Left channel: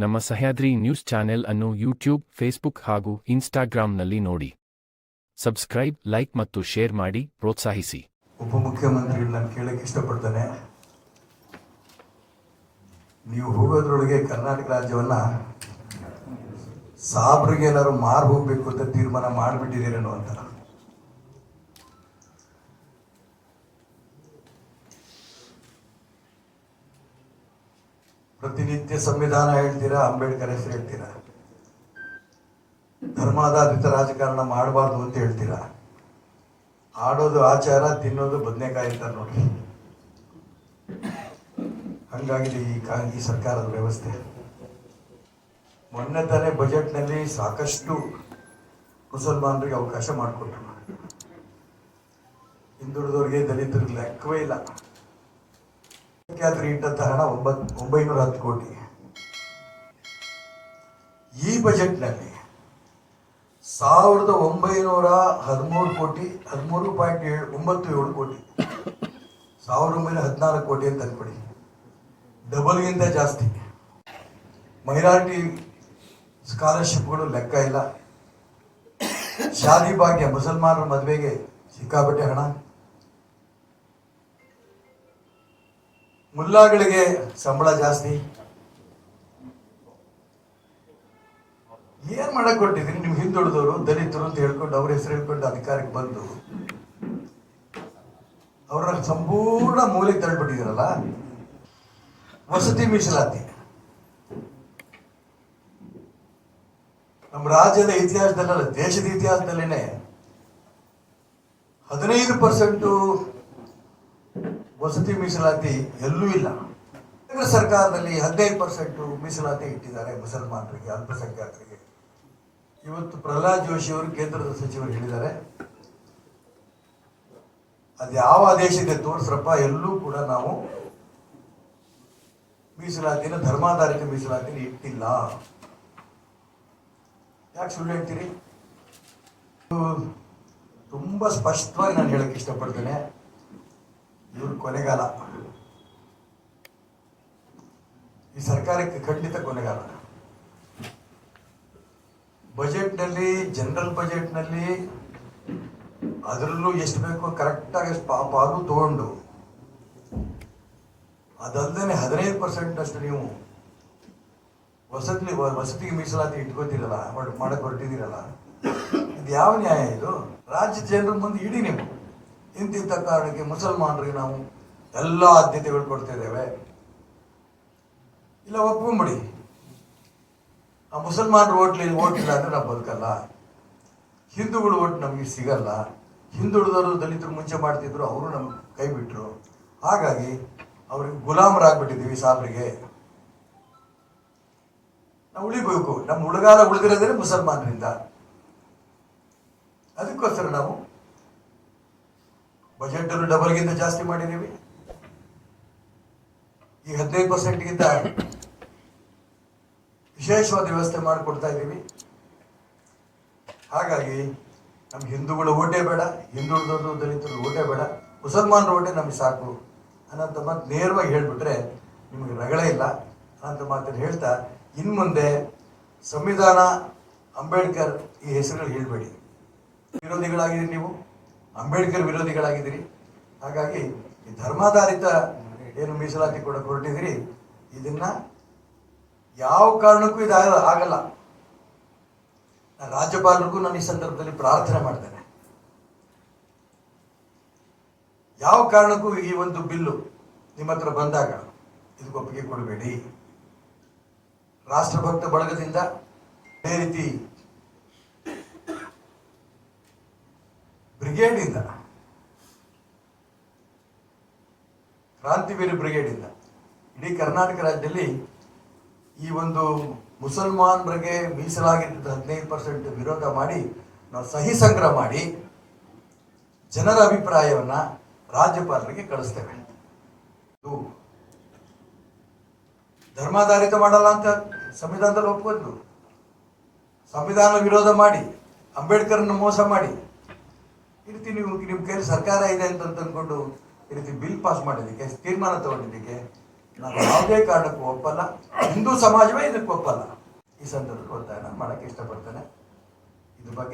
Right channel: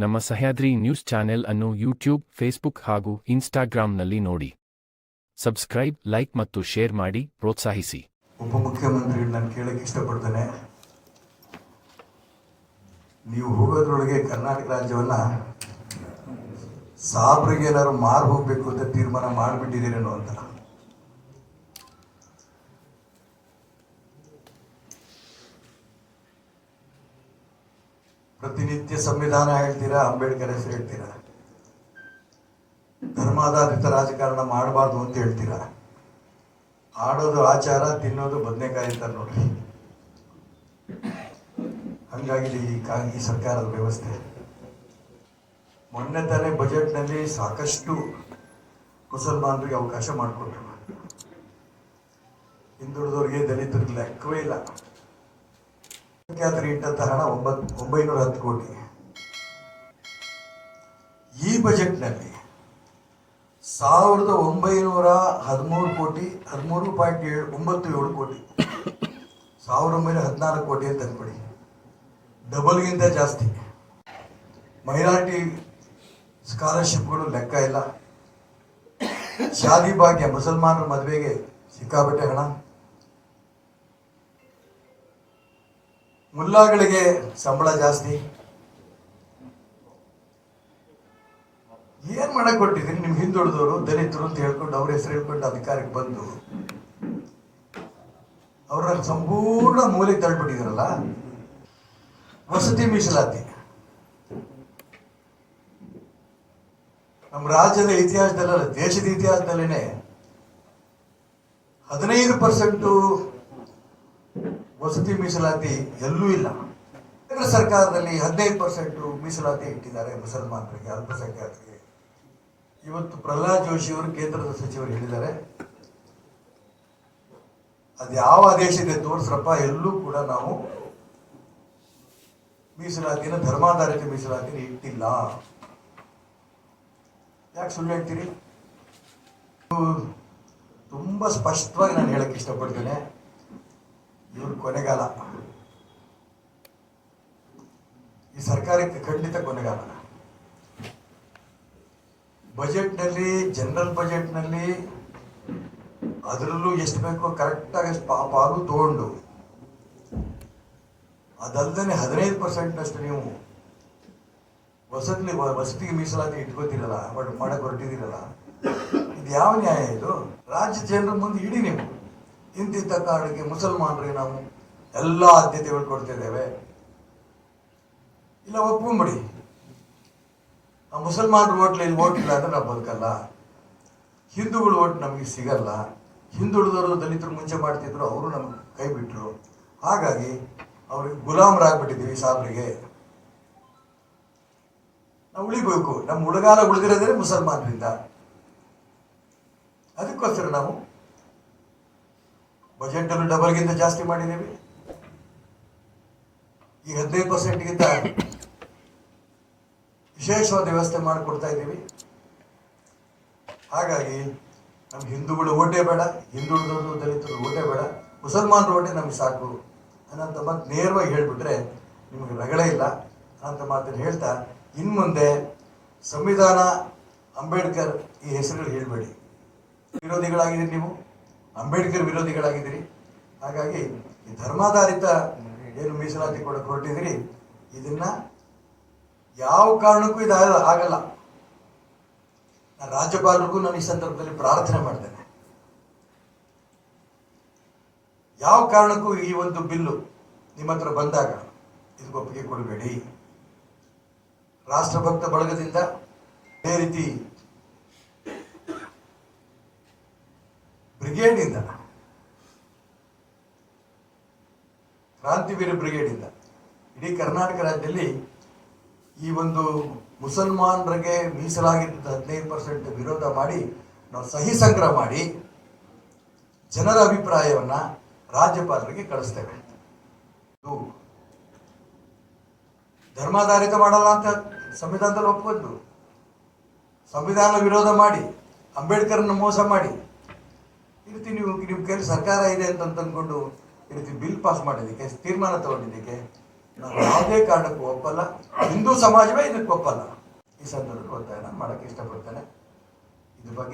ನಮ್ಮ Sahyadri news channel ಅನ್ನು YouTube, Facebook ಹಾಗೂ ಇನ್ಸ್ಟಾಗ್ರಾಂನಲ್ಲಿ ನೋಡಿ. ಸಬ್ಸ್ಕ್ರೈಬ್, ಲೈಕ್ ಮತ್ತು ಶೇರ್ ಮಾಡಿ, ಪ್ರೋತ್ಸಾಹಿಸಿ. ಉಪಮುಖ್ಯಮಂತ್ರಿ ನಾನು ಕೇಳಕ್ಕೆ ಇಷ್ಟಪಡ್ತೇನೆ. ನೀವು ಹೋಗೋದ್ರೊಳಗೆ ಕರ್ನಾಟಕ ರಾಜ್ಯವನ್ನ ಸಾಬ್ರಿಗೆ ಏನಾದ್ರು ಮಾರು ಹೋಗ್ಬೇಕು ಅಂತ ತೀರ್ಮಾನ ಮಾಡಿಬಿಟ್ಟಿದ್ದೀರೇನೋ ಅಂತ. ಪ್ರತಿನಿತ್ಯ ಸಂವಿಧಾನ ಹೇಳ್ತೀರಾ? ಅಂಬೇಡ್ಕರ್ ಹೆಸರು ಹೇಳ್ತೀರಾ? ಧರ್ಮಾಧಾರಿತ ರಾಜಕಾರಣ ಮಾಡಬಾರ್ದು ಅಂತ ಹೇಳ್ತೀರಾ? ಆಡೋದು ಆಚಾರ, ತಿನ್ನೋದು ಬದನೆಕಾಯಿ ಅಂತ ನೋಡ್ರಿ. ಹಂಗಾಗಿದೆ ಈ ಸರ್ಕಾರದ ವ್ಯವಸ್ಥೆ. ಮೊನ್ನೆ ತಾನೇ ಬಜೆಟ್ನಲ್ಲಿ ಸಾಕಷ್ಟು ಮುಸಲ್ಮಾನರಿಗೆ ಅವಕಾಶ ಮಾಡಿಕೊಟ್ರು. ಹಿಂದುಳಿದವರಿಗೆ ದಲಿತರಿಗೆ ಲೆಕ್ಕವೇ ಇಲ್ಲ. ಇಟ್ಟಂತ ಹಣ ಒಂಬತ್ತು ಒಂಬೈನೂರ ಹತ್ತು ಕೋಟಿ. ಈ ಬಜೆಟ್ನಲ್ಲಿ ಸಾವಿರದ ಒಂಬೈನೂರ ಹದಿಮೂರು ಕೋಟಿ, ಹದಿಮೂರು ಪಾಯಿಂಟ್ ಏಳು, ಒಂಬತ್ತು ಏಳು ಕೋಟಿ ಸಾವಿರದ ಒಂಬೈನೂರ ಹದಿನಾಲ್ಕು ಕೋಟಿ ಅಂತ ಅನ್ಕೊಡಿ ಡಬಲ್ಗಿಂತ ಜಾಸ್ತಿ. ಮೈನಾರಿಟಿ ಸ್ಕಾಲರ್ಶಿಪ್ಗಳು ಲೆಕ್ಕ ಇಲ್ಲ. ಶಾದಿ ಭಾಗ್ಯ, ಮುಸಲ್ಮಾನರ ಮದುವೆಗೆ ಸಿಕ್ಕಾಪಟ್ಟೆ ಹಣ. ಮುಲ್ಲಾಗಳಿಗೆ ಸಂಬಳ ಜಾಸ್ತಿ. ಏನ್ ಮಾಡಕ್ ಕೊಟ್ಟಿದ್ದೀನಿ ನಿಮ್ ಹಿಂದುಳಿದವರು, ದಲಿತರು ಅಂತ ಹೇಳ್ಕೊಂಡು ಅವ್ರ ಹೆಸರು ಹೇಳ್ಕೊಂಡು ಅಧಿಕಾರಕ್ಕೆ ಬಂದು? ಅವರ ಸಂಪೂರ್ಣ ಮೂಲೆಗೆ ತಳ್ಳಿಬಿಟ್ಟಿದ್ದೀರಲ್ಲ? ವಸತಿ ಮೀಸಲಾತಿ. ನಮ್ಮ ರಾಜ್ಯದ ಇತಿಹಾಸದಲ್ಲ ದೇಶದ ಇತಿಹಾಸದಲ್ಲೇನೆ ಹದಿನೈದು ಪರ್ಸೆಂಟು ವಸತಿ ಮೀಸಲಾತಿ ಎಲ್ಲೂ ಇಲ್ಲ. ಕೇಂದ್ರ ಸರ್ಕಾರದಲ್ಲಿ ಹದಿನೈದು ಪರ್ಸೆಂಟು ಮೀಸಲಾತಿ ಇಟ್ಟಿದ್ದಾರೆ ಮುಸಲ್ಮಾನರಿಗೆ ಅಲ್ಪಸಂಖ್ಯಾತರಿಗೆ. ಇವತ್ತು ಪ್ರಹ್ಲಾದ್ ಜೋಶಿ ಅವರು ಕೇಂದ್ರದ ಸಚಿವರು ಹೇಳಿದ್ದಾರೆ. ಅದು ಯಾವ ಆದೇಶ ಇದೆ ತೋರಿಸ್ರಪ್ಪ, ಎಲ್ಲೂ ಕೂಡ ನಾವು ಮೀಸಲಾತಿನ, ಧರ್ಮಾಧಾರಿತ ಮೀಸಲಾತಿನ ಇಟ್ಟಿಲ್ಲ. ಯಾಕೆ ಸುಳ್ಳು ಹೇಳ್ತೀರಿ? ತುಂಬಾ ಸ್ಪಷ್ಟವಾಗಿ ನಾನು ಹೇಳಕ್ಕೆ ಇಷ್ಟಪಡ್ತೇನೆ. ಇವ್ರ ಕೊನೆಗಾಲ. ಈ ಸರ್ಕಾರಕ್ಕೆ ಖಂಡಿತ ಕೊನೆಗಾಲ. ಬಜೆಟ್ನಲ್ಲಿ, ಜನರಲ್ ಬಜೆಟ್ನಲ್ಲಿ ಅದರಲ್ಲೂ ಎಷ್ಟು ಬೇಕೋ ಕರೆಕ್ಟಾಗಿ ಪಾ- ಪಾಲು ತಗೊಂಡು. ಅದಲ್ಲದೆ ಹದಿನೈದು ಪರ್ಸೆಂಟ್ನಷ್ಟು ನೀವು ವಸತಿ, ವಸತಿಗೆ ಮೀಸಲಾತಿ ಇಟ್ಕೋತಿರಲ್ಲ, ಮಾಡ್- ಮಾಡಕ್ ಹೊರಟಿದ್ದೀರಲ್ಲ, ಇದು ಯಾವ ನ್ಯಾಯ ಇದು? ರಾಜ್ಯ ಜನರ ಮುಂದೆ ಇಡಿ ನೀವು. ಇಂತಿಂಥ ಕಾರಣಕ್ಕೆ ಮುಸಲ್ಮಾನರಿಗೆ ನಾವು ಎಲ್ಲ ಆದ್ಯತೆಗಳು ಕೊಡ್ತಾ ಇದ್ದೇವೆ ಇಲ್ಲ, ಒಪ್ಕೊಂಬಿಡಿ. ಆ ಮುಸಲ್ಮಾನರು ಓಟ್ಲಿ ಓಟ್ ಇಲ್ಲ ಅಂದ್ರೆ ನಾವು ಬದುಕಲ್ಲ. ಹಿಂದೂಗಳು ಓಟ್ ನಮಗೆ ಸಿಗಲ್ಲ. ಹಿಂದುಳಿದವರು ದಲಿತರು ಮುಂಚೆ ಮಾಡ್ತಿದ್ರು, ಅವರು ನಮ್ಗೆ ಕೈ ಬಿಟ್ರು. ಹಾಗಾಗಿ ಅವ್ರಿಗೆ ಗುಲಾಮರಾಗ್ಬಿಟ್ಟಿದ್ದೀವಿ ಸಾಬ್ರಿಗೆ. ನಾವು ಉಳಿಬೇಕು. ನಮ್ಮ ಉಳಗಾಲ ಉಳಿದಿರೋದೇ ಮುಸಲ್ಮಾನರಿಂದ. ಅದಕ್ಕೋಸ್ಕರ ನಾವು ಬಜೆಟ್ ಅನ್ನು ಡಬಲ್ಗಿಂತ ಜಾಸ್ತಿ ಮಾಡಿದ್ದೀವಿ. ಈ ಹದಿನೈದು ಪರ್ಸೆಂಟ್ಗಿಂತ ವಿಶೇಷವಾದ ವ್ಯವಸ್ಥೆ ಮಾಡಿಕೊಡ್ತಾ ಇದ್ದೀವಿ. ಹಾಗಾಗಿ ನಮ್ಗೆ ಹಿಂದೂಗಳು ಓಟೇ ಬೇಡ ಹಿಂದೂ ದಲಿತರು ಓಟೇ ಬೇಡ, ಮುಸಲ್ಮಾನರು ಓಟೆ ನಮಗೆ ಸಾಕು ಅನ್ನೋಂಥ ಮಾತು ನೇರವಾಗಿ ಹೇಳ್ಬಿಟ್ರೆ ನಿಮಗೆ ರಗಳೇ ಇಲ್ಲ ಅನ್ನೋಂಥ ಮಾತನ್ನು ಹೇಳ್ತಾ ಇನ್ನು ಮುಂದೆ ಸಂವಿಧಾನ ಅಂಬೇಡ್ಕರ್ ಈ ಹೆಸರುಗಳು ಹೇಳಬೇಡಿ. ವಿರೋಧಿಗಳಾಗಿದ್ದೀರಿ ನೀವು. ಅಂಬೇಡ್ಕರ್ ವಿರೋಧಿಗಳಾಗಿದ್ದೀರಿ. ಹಾಗಾಗಿ ಈ ಧರ್ಮಾಧಾರಿತ ಏನು ಮೀಸಲಾತಿ ಕೂಡ ಹೊರಟಿದ್ದೀರಿ. ಇದನ್ನ ಯಾವ ಕಾರಣಕ್ಕೂ ಇದು ಆಗಲ್ಲ ರಾಜ್ಯಪಾಲರಿಗೂ ನಾನು ಈ ಸಂದರ್ಭದಲ್ಲಿ ಪ್ರಾರ್ಥನೆ ಮಾಡ್ತೇನೆ. ಯಾವ ಕಾರಣಕ್ಕೂ ಈ ಒಂದು ಬಿಲ್ಲು ನಿಮ್ಮ ಹತ್ರ ಬಂದಾಗ ಇದಕ್ಕೆ ಒಪ್ಪಿಗೆ ಕೊಡಬೇಡಿ. ರಾಷ್ಟ್ರಭಕ್ತ ಬಳಗದಿಂದ ಅದೇ ರೀತಿ ಬ್ರಿಗೇಡಿಂದ ಕ್ರಾಂತಿವೀರ ಬ್ರಿಗೇಡಿಂದ ಇಡೀ ಕರ್ನಾಟಕ ರಾಜ್ಯದಲ್ಲಿ ಈ ಒಂದು ಮುಸಲ್ಮಾನರಿಗೆ ಮೀಸಲಾಗಿದ್ದ ಹದಿನೈದು ಪರ್ಸೆಂಟ್ ವಿರೋಧ ಮಾಡಿ, ನಾವು ಸಹಿ ಸಂಗ್ರಹ ಮಾಡಿ, ಜನರ ಅಭಿಪ್ರಾಯವನ್ನು ರಾಜ್ಯಪಾಲರಿಗೆ ಕಳಿಸ್ತೇವೆ. ಧರ್ಮಾಧಾರಿತ ಮಾಡಲ್ಲ ಅಂತ ಸಂವಿಧಾನದಲ್ಲಿ ಒಪ್ಕೊಂಡು ಸಂವಿಧಾನ ವಿರೋಧ ಮಾಡಿ ಅಂಬೇಡ್ಕರ್ನ ಮೋಸ ಮಾಡಿ. ಈ ನೀವು ನಿಮ್ಮ ಕೈಲಿ ಸರ್ಕಾರ ಇದೆ ಅಂತ ಅಂದ್ಕೊಂಡು ಈ ರೀತಿ ಬಿಲ್ ಪಾಸ್ ಮಾಡಿದ್ದಕ್ಕೆ, ತೀರ್ಮಾನ ತಗೊಂಡಿದ್ದಕ್ಕೆ ನಾವು ಯಾವುದೇ ಕಾರಣಕ್ಕೂ ಒಪ್ಪಲ್ಲ. ಹಿಂದೂ ಸಮಾಜವೇ ಇದಕ್ಕೆ ಒಪ್ಪಲ್ಲ. ಈ ಸಂದರ್ಭದಲ್ಲಿ ಒತ್ತಾಯನ ಮಾಡೋಕ್ಕೆ ಇಷ್ಟಪಡ್ತೇನೆ. ಇದ್ರ ಬಗ್ಗೆ